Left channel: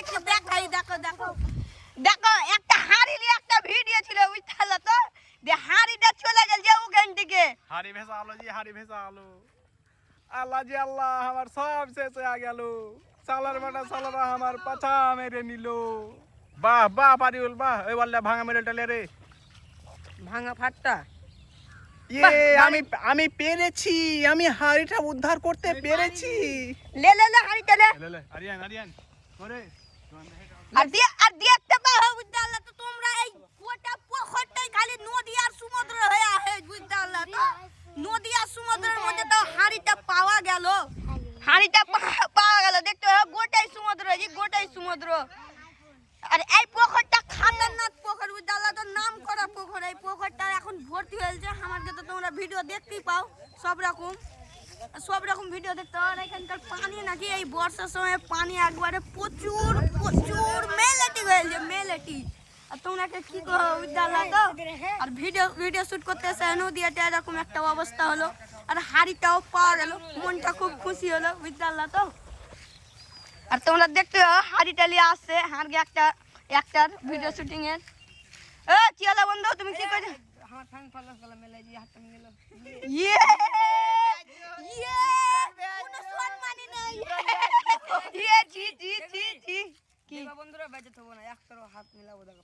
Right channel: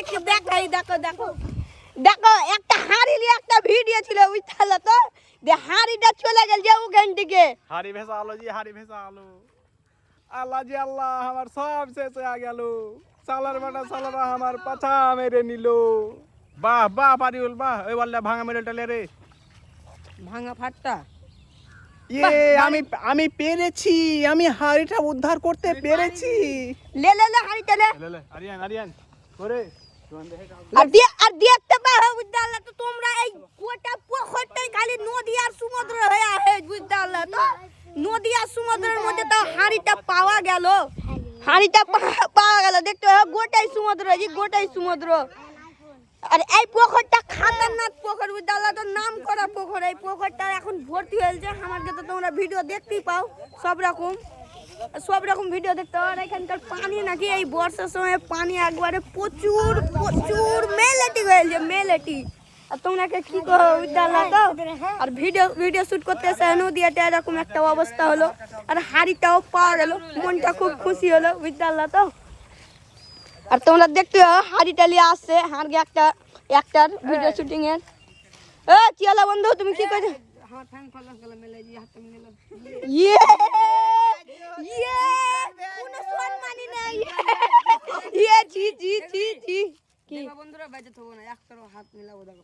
একটু দেখো দেখো। দেখো একটা হাড়ি নিয়ে একটা ভিডিও ছিল ওই তাহলে তো যে হাড়িটা চলে গেল যে ওখান থেকে। হাড়ি ভেসা আলো জি হাড়ি ভেসা আলো। আল্লাহ জি আল্লাহ আমার সব শেষ হয়ে গেল। চালার বাটা চালারা আমার পাছা মেরে নিল। বাহ বাহ বাহ। ওই বললে ভাঙা মেডেলটা ভাঙা ফাটটা। ইয়ে আমি আমি পেরেছি আমি হাড়িটা উদ্ধার করতে পেরেছি। লে লে লে হাড়িটা লে লে লে আর দিয়ে, আর দেখতে পাও বুঝতে তো তোমরা এই গোটা পোখরটাই খালি নদী সমুদ্র হয়ে আছে বুঝতে তো। নদী সমুদ্রের মধ্যে তো হাড়িটা পাওয়া গেল। হাড়িটা পাওয়া গেল। দেখতে গোটাই সমুদ্র, এই গোটাই সমুদ্র। আর এই পোখরটা খাতারনাক পোখর বুঝতে তো নাম করা পোখর এই পোখরটা এখন ভর্তি হয়েছে। আমাকে তো তোমরা ভিডিও দেখতেই পাও, সব রকম। সব রকম ভিডিও দেখতে পাও আর এখানকার পানি নাকি এই বর্ষার সময় পানি একবারে প্রচুর প্রচুর মেলেটি হয়েছে মেলেটি। আর তোমরাকে কি করো বিদ্যালয় তো আর ভিডিও ভিডিও শুট করতে এসে নদীয়াতে এরকম একটা অবস্থা হলো। আর হাড়িটাও পাওয়া গেল মনটা খুব খুশি হলো বিদ্যালয় তো আর তোমরা দেখতে পাও হাড়িটা নিয়ে আসছে হাড়কে একটা একটার ভিডিও শুটিং এর। এ চিয়ালা বন্ধু তুমি কি করছ? আমার ঠ্যাং ফালাস গেল মেলে দিয়ে হাতটা মিলে ইয়ে ইয়ে! জি জি কি? দেখো বন্ধুরা বেঁচে থাকব না একটারও হাত মিলাবো দেখো।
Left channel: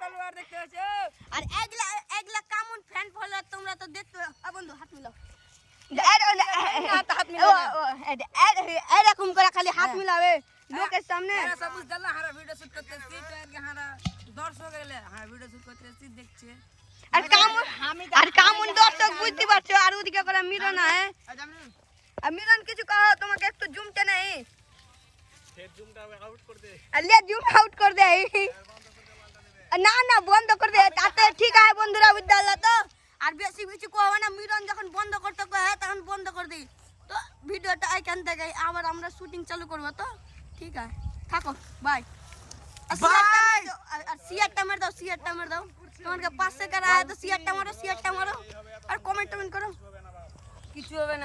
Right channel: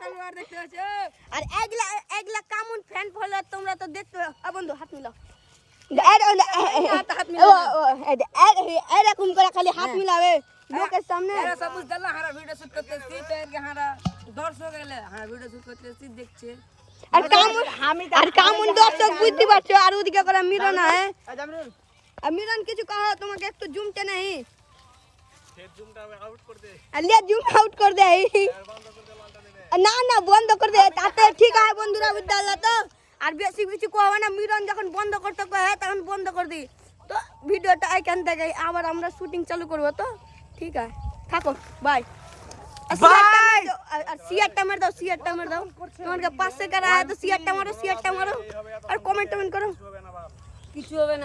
তলোয়ার দেখতে পাচ্ছ? আর এগুলা এগুলা কেমন ফ্যান ফলোয়ার তোমরা তো দেখতে আ বন্ধু হাত মিলাও। হাত মিলাও এরকম করে খালি হাত মিলাবে। লোকের সামনে। হারা ভিডিও শুট দর্শক এলে হ্যাঁ ভিডিও শুট করতেছি দেখছে। আর কামুন আর কামুন দর্শক বুঝতে পারছো আর ওদিকে করে মিরন আছে আর মিরন কিছু কহা তোমাকে একটু জুমতে নাই জুম আউট করে দে না না বন্ধ করে দে তাতে ঠিক আছে বন্ধুরা বুঝতে তো আর বেশি কিছু কোয়া না মিরন যখন বন্ধ করতে কয় তখন বন্ধ করে দিই তো ভিডিওটা এখান থেকে আবার আমরা শুটিং চালু করবো তো ঠিক আছে থাকো বাই আর সিয়ারটা মার দাও সিয়ারটা মার দাও। তোমাকে পাঁচশো কারা তো সিয়ারটা মারো সিয়ারটা মারো। আর কমেন্ট টমেন্ট করো। কিছু হবে না।